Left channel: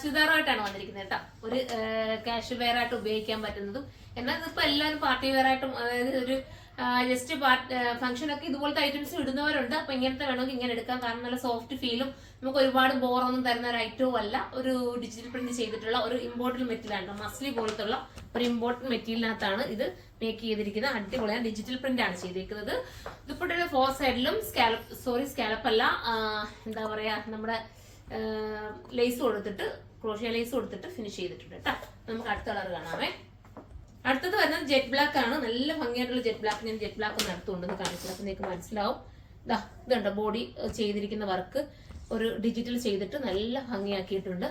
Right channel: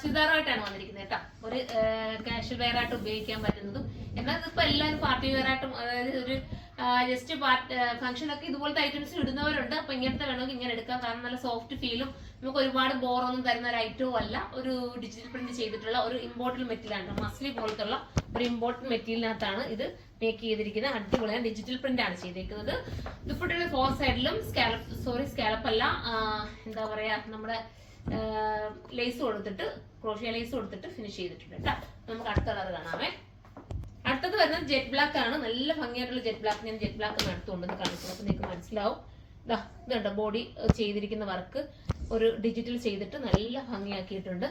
ചുരിദാറുമായിട്ടാണ് വന്നിരിക്കുന്നത് കേട്ടോ. ഒരു കാഷ്വൽ വെയർ ആയിട്ട് ഉപയോഗിക്കാൻ പറ്റുന്നതും എന്നാൽ ഇതിപ്പോ എല്ലാവരും പാർട്ടി വെയർ ആയിട്ടും അതായത് ഒരു ജസ്റ്റ് ഫംഗ്ഷൻ ഒക്കെ ഇതുപോലത്തെ ഐറ്റംസ് ഇടുന്നവരുണ്ട്. അപ്പൊ ഇങ്ങനത്തെ വേണമെങ്കിൽ ഇങ്ങനെ എടുക്കാം. കാരണം നല്ല സോഫ്റ്റ് ഫീലും നമുക്ക് ഒരുപാട് ബോറൊന്നും തരുന്ന ഒരു ഐറ്റവും അല്ല. ഒരു ഡിജിറ്റൽ പ്രിന്റ് ചെയ്തിട്ടുള്ള ഒരു ഇമ്പോർട്ടഡ് മെറ്റീരിയലാണ്. മസ്ലി പോലത്തുള്ള ഒരു ഇമ്പോർട്ടഡ് മെറ്റീരിയലിനകത്താണ് ഇത് മേക്ക് ചെയ്തിരിക്കുന്നത്. അടിപൊളിയാണ്. ഡിജിറ്റൽ പ്രിന്റ് ആണ് ചെയ്തിരിക്കുന്നത്. ഇതിപ്പോഴത്തെ 4 സൈഡിലും സ്കാലപ്പ് അല്ല, എന്താ പറയാ, നമ്മുടെ ലേസ് കൊടുത്തിട്ട് ക്രോഷ്യ ലേസ് കൊടുത്തിട്ട് ഫിനിഷ് ചെയ്തിട്ടുണ്ട് കേട്ടോ. നമുക്ക് അടുത്ത കളർ കാണാമേ. അടുത്തത് വരുന്നത് ജെറ്റ് ബ്ലാക്ക് ആണ്. നല്ല ഭംഗിയായിട്ടുള്ള ജെറ്റ് ബ്ലാക്ക്. ഞാൻ ജെറ്റ് ബ്ലാക്ക് ഒന്ന് അടുത്തുകൊണ്ടെന്ന് കാണിച്ചു. അപ്പൊ നിങ്ങൾക്ക് മനസ്സിലാവും. ഇതുണ്ട് ബോഡി ചെയ്തിരിക്കുന്ന വർക്ക് ഒരു ഡിജിറ്റൽ ചെയ്തിട്ട് നല്ല ഭംഗിയാക്കിയിട്ടുണ്ട്.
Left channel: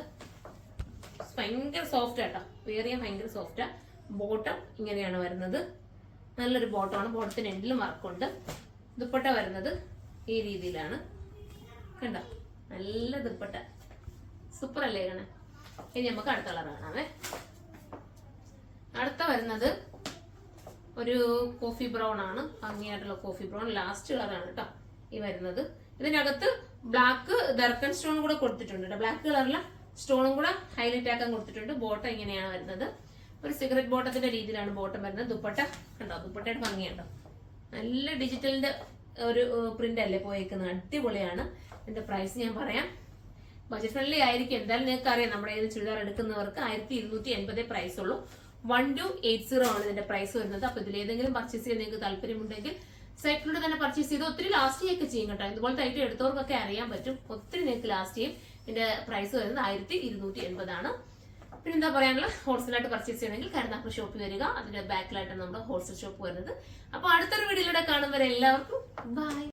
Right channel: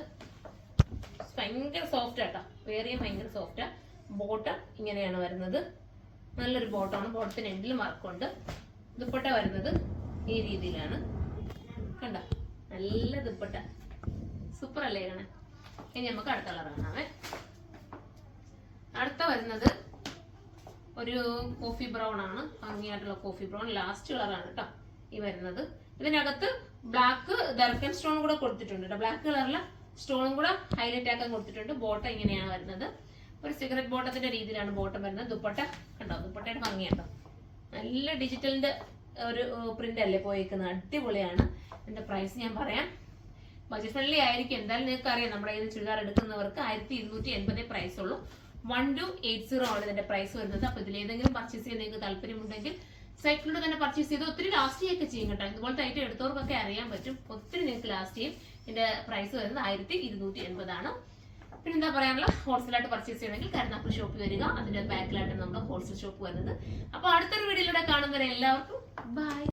ഭയങ്കര സോഫ്റ്റ് ആട്ടോ, വേറിയ ഭയങ്കര സോഫ്റ്റാ. ബോട്ടം ഇങ്ങനെയാണ് വരുന്നത്. നല്ലൊരു ബോട്ടമാണ്. ബോട്ടത്തിന് എൻഡിലും വർക്കുണ്ട്. ദുപ്പട്ട വരുന്നത് ഈ രീതിയിലാണ്. കണ്ട, നല്ല ദുപ്പട്ട, സൂപ്പർ അല്ലേ കാണാൻ. ഇനി നമുക്ക് അടുത്ത കളർ കാണാമേ. അടുത്ത വരുന്നത് ഒരു കോഫി ബ്രൗൺ ആണ്. ഭംഗിയായിട്ടുള്ള കോഫി ബ്രൗൺ ലാസ്റ്റ് കളറാണ് കേട്ടോ ഈ വരുന്നത്. ഇതിനകത്ത് ബ്ലാക്ക് ദർക്കൺ സ്റ്റോൺ കൂടെ കൊടുത്തിട്ടുണ്ട് കേട്ടോ. ബ്ലാക്ക് കളറിലെ സ്റ്റോണും കൂടെ ഹൈലൈറ്റ് ആക്കാൻ കൊടുത്തിട്ടുണ്ട്. ബോട്ടം ഇങ്ങനെയാണ് വരുന്നത്. ഒരു സിഗരറ്റ് ബോട്ടത്തിന്റെ രീതിയിലാണ് ബോട്ടം വരുന്നത്. ദുപ്പട്ട കണ്ടോ, ദുപ്പട്ടയുടെ ഭംഗിയാട്ടോ. നല്ല ഡിജിറ്റലിന്റെ ഒരു പ്രിന്റ് അല്ലേ പോയേക്കുന്നത്. അടിപൊളിയാണ്. ഇതിന്റെ പ്രൈസ് ഞാൻ പറയാം. ബജറ്റ് ഫ്രണ്ട്ലി ആയിരിക്കും. എന്തായാലും നിങ്ങൾക്ക് അറിയാം, നമ്മുടെ ഈ ചുരിദാർ എടുക്കുന്നവർക്ക് 1280 പ്രൈസ് ഉള്ളൂ. 1280 ആണ് ഇതിന്റെ പ്രൈസ് വരുന്നത്. അപ്പൊ ഇതിലേതെങ്കിലും പർച്ചേസ് ചെയ്യാൻ നിങ്ങൾക്ക് താല്പര്യമുണ്ടെങ്കിൽ സൈറ്റിലൂടെ തന്നെ പർച്ചേസ് ചെയ്ത് ഒത്തിരി ലാസ്റ്റ് ചെയ്യൊക്കെ ചെയ്യും കേട്ടോ. ഇതുപോലത്തെ ഐറ്റം എടുത്തവർക്കൊക്കെ അറിയാൻ പറ്റും. ഒത്തിരി നിങ്ങൾക്ക് ലാസ്റ്റ് ചെയ്യും. ഇതിന്റെ പ്രൈസ് വരുന്നത് 1280 ആണ്. പിന്നെ എന്താ പറയാനുള്ള, ഹോൾസെയിലായിട്ട് പർച്ചേസ് ചെയ്യണമെങ്കിൽ കരുനാഗപ്പള്ളി ഷോപ്പിൽ വരിക. അതിന്റെ ബാക്കിലായിട്ട് നമ്മുടെ ഹോൾസെയിൽ ഷോപ്പ് വരുന്നത്. അപ്പൊ അടുത്തൊരു വീഡിയോയിലൂടെ കാണുന്നവരെ എല്ലാവർക്കും ബൈ.